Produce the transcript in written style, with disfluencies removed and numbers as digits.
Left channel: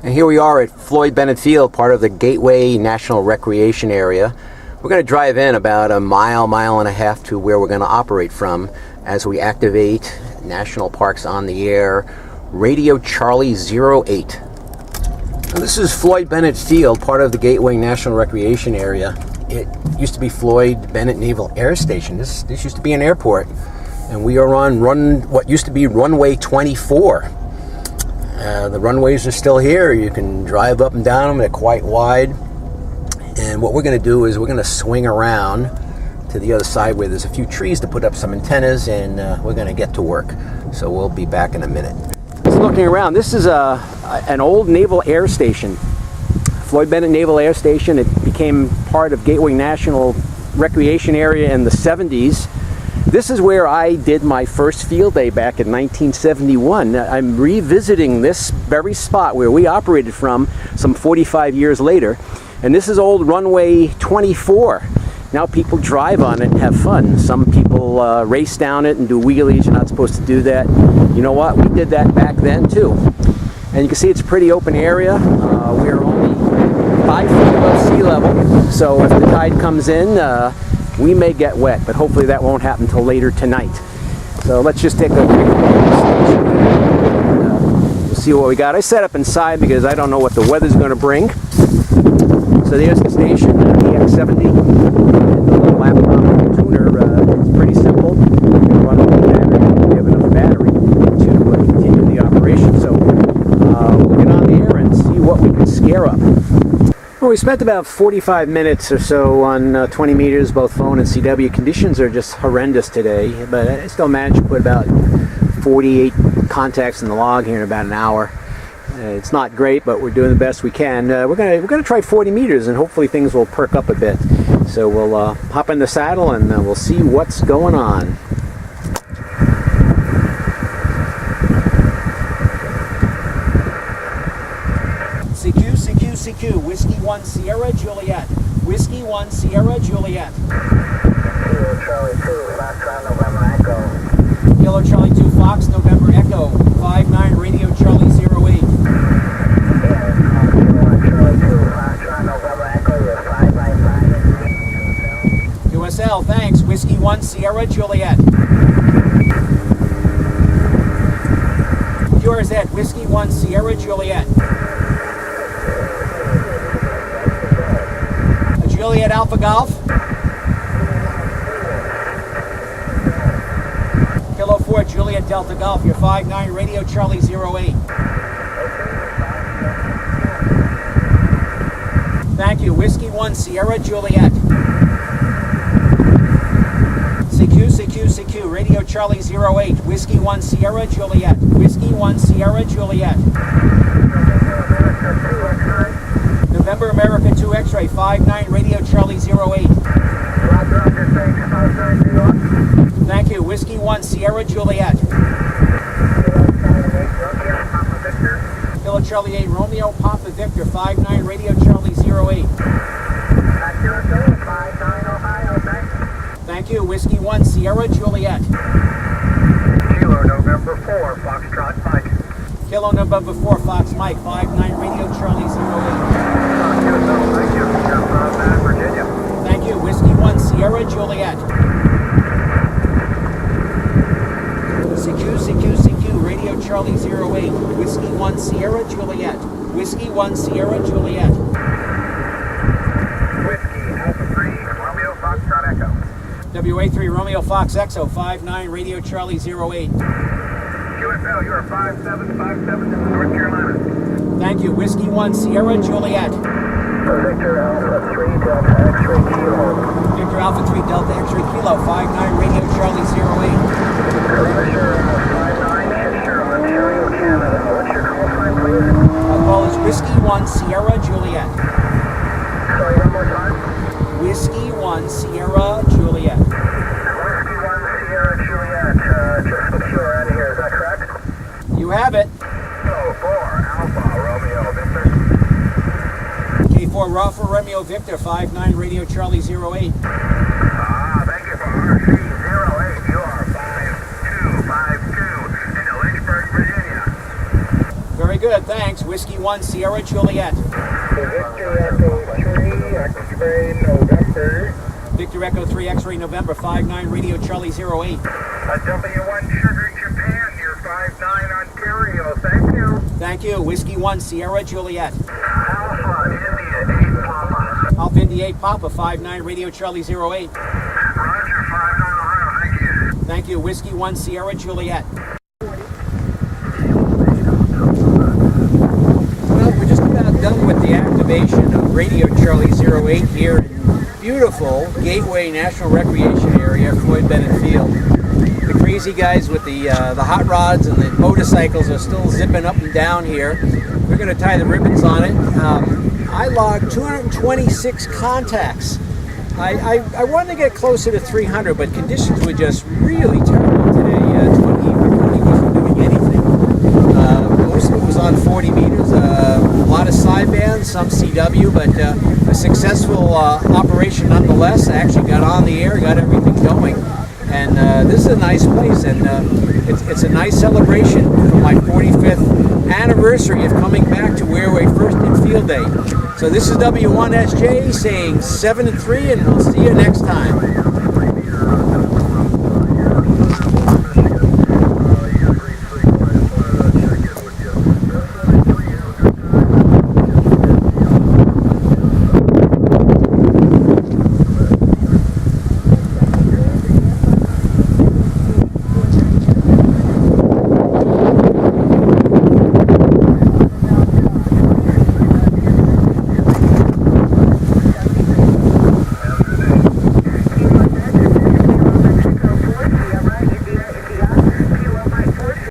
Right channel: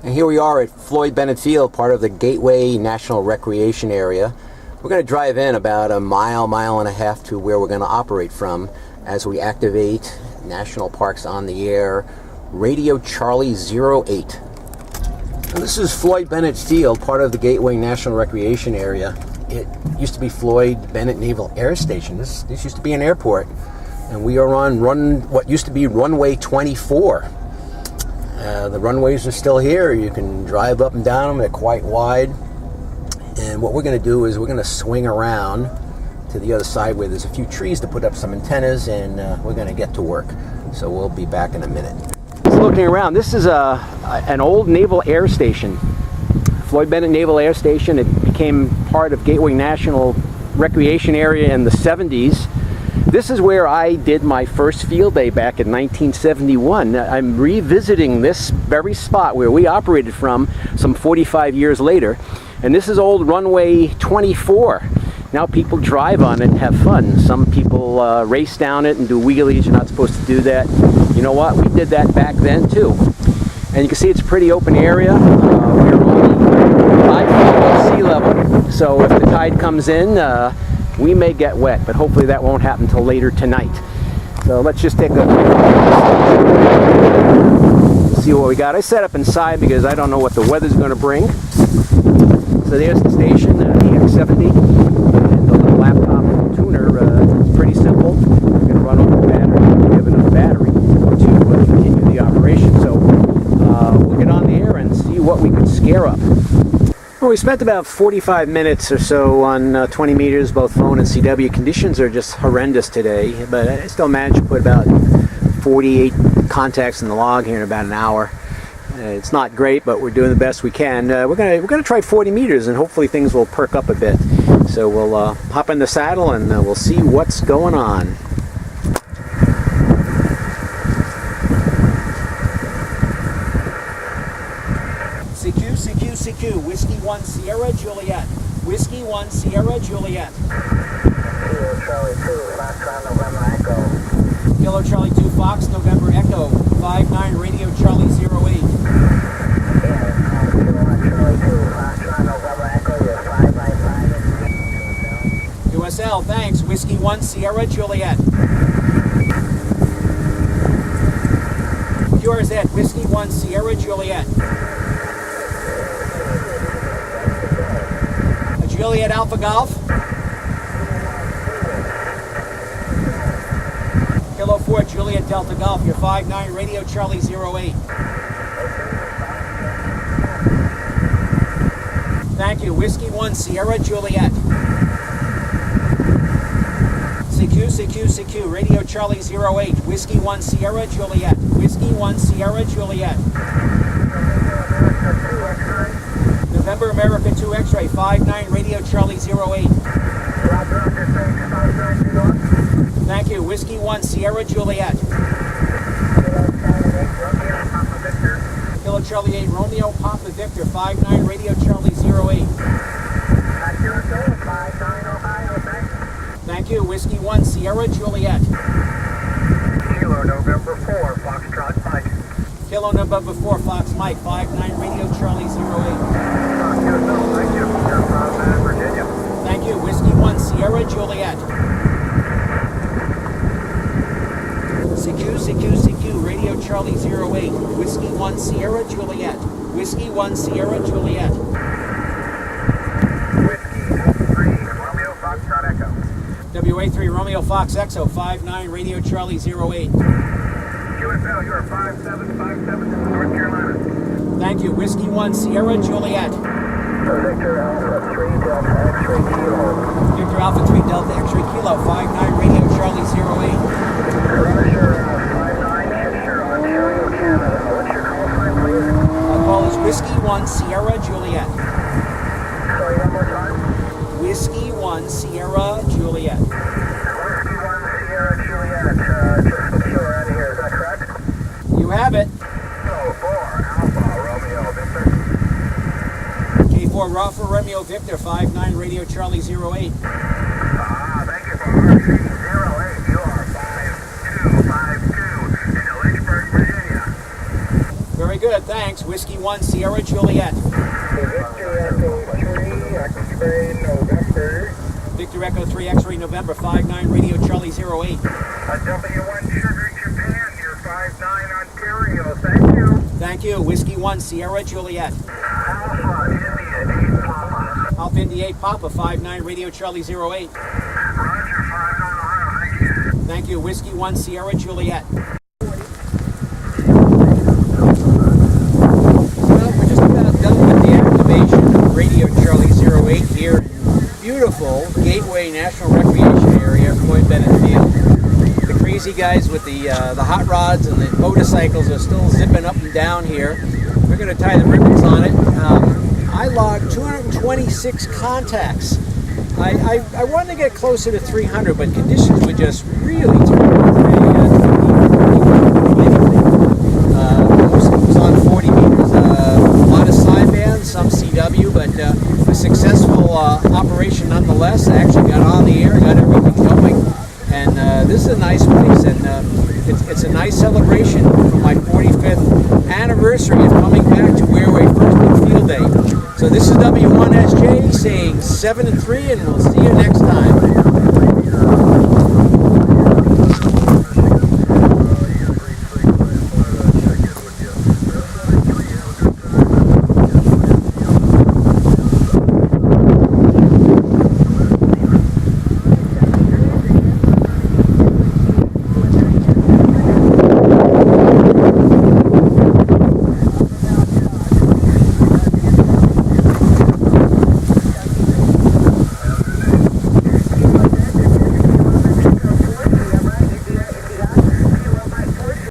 And here we are at Floyd Bennett Field, part of the Gateway National Recreation Area. We're going to drive in about a mile and a half to where we're going to operate from as we activate National Parks on the Air Radio Charlie 08. Now, this is Floyd Bennett Field, part of the Gateway National Recreation Area. It used to be Floyd Bennett Naval Air Station. This used to be an airport, and we are on what used to be runway 24. The runways are still here. You can drive up and down them. They're quite wide. And what we're going to do is we're going to swing around to the other side where there's a few trees to put up some antennas, and we're going to get to work. So we'll be back in a minute. Just looking around, this is an old naval air station. Floyd Bennett Naval Air Station. It became part of Gateway National Recreation Area in the 70s. This is where I did my first field day back in 1971. I'm revisiting this very spot where we operated from some 45 years later. And this is old runway 24. Now people drive on it and have fun. Some people race down it and do wheelies. You're not supposed to do that. You know what? We did that back then too. And you can see it's a pretty open area. We are only 5 feet above sea level. So if the tide comes in, we may get wet, but hopefully that won't happen until later tonight. So let's just take a quick look at the station here. And, we'll see what we got. I set up inside because I don't know what the weather's going to bring. So there's the station, EX70, and the little laptop tuner. It's pretty simple. We're going to run off the battery. We have enough battery to continue the operation. So we'll get on the air and see what we could scare up. Well, we spent about 45 minutes or so on 20 meters, both phone and CW. Conditions are just horrendous today, but I still managed to put about 48 contacts in the log here in about an hour. It's not great, but we're doing the best we can. We're gonna try 40 meters, and hopefully things will perk up a bit. So we'll hop in the saddle and we'll see what's going on. CQ, Whiskey 1 Sierra Juliet. Whiskey 1 Sierra Juliet. Kilo Charlie 2, Foxtrot November Echo. Kilo Charlie 2, Fox November Echo. 59 Radio Charlie 08. Yeah, Kilo 1 Charlie 2, Foxtrot November Echo. You're 555 in QSL, thanks. Whiskey 1 Sierra Juliet. QRZ, Whiskey 1 Sierra Juliet. Juliet Alpha Golf. Kilo 4 Juliet Delta Golf. You're 59 Radio Charlie 08. Thank you. Whiskey 1 Sierra Juliet. CQ, Radio Charlie 08. Whiskey 1 Sierra Juliet. Whiskey 1 Sierra Juliet. November America 2 X-ray, 59 Radio Charlie 08. Thank you. Whiskey 1 Sierra Juliet. Kilo Charlie 8 Romeo Papa Victor, 59 Radio Charlie 08. Thank you. Whiskey 1 Sierra Juliet. Kilo November 4 Foxtrot Mike. Kilo November 4 Fox Mike, 59 Radio Charlie 08. Thank you. You're from Virginia. Thank you. Whiskey 1 Sierra Juliet. CQ, Radio Charlie 08. Whiskey 1 Sierra Juliet. Whiskey 1 Sierra Juliet. Whiskey Alpha 3 Romeo Foxtrot Echo. WA3 Romeo Fox Exo, 59 Radio Charlie 08. QSL, you're 5757 from North Carolina. Thank you. Whiskey 1 Sierra Juliet. Victor Alpha 3 Delta X-ray Kilo. Victor Alpha 3 Delta X-ray Kilo, 59 Radio Charlie 08. Roger, 59 Fisher, Ontario, Canada. What's your call sign, please? Our call is Whiskey 1 Sierra Juliet. Sorry, one more time. Whiskey 1 Sierra Juliet. Whiskey 1 Sierra Juliet. Just secure out of here, is that correct? You have it. So, 4 Alpha Romeo Victor. K4 Alpha Romeo Victor, 59 Radio Charlie 08. Thank you for RC08. You are 5252 in Lynchburg, Virginia. Very good, thanks. Whiskey 1 Sierra Juliet. Victor Echo 3, X-ray November. Victor Echo 3 X-ray November 59 Radio Charlie 08. W1 Sugar Japan, near 59 Ontario. Thank you. Thank you. Whiskey 1 Sierra Juliet. Alpha India 8 Papa. Alpha India 8 Papa 59 Radio Charlie 08. Roger, 59 Ohio. Thank you. Thank you. Whiskey 1 Sierra Juliet. Well, we're just about done with the activation of Radio Charlie 08 here in beautiful Gateway National Recreation Area, Floyd Bennett Field. The crazy guys with the hot rods and the motorcycles are still zipping up and down here. We're going to tie the ribbons on it. I logged 226 contacts. I wanted to get closer to 300, but conditions were just really terrible today. 20 wasn't doing anything. Most of it was on 40 meters. A lot of sidebands, some CW, but a successful operation nonetheless. I actually got on the air, got everything going. And this is a nice place, and it's a nice celebration for my 45th anniversary of coming back to where we first did field day. So this is W1SJ saying 7-3, and we'll see you next time.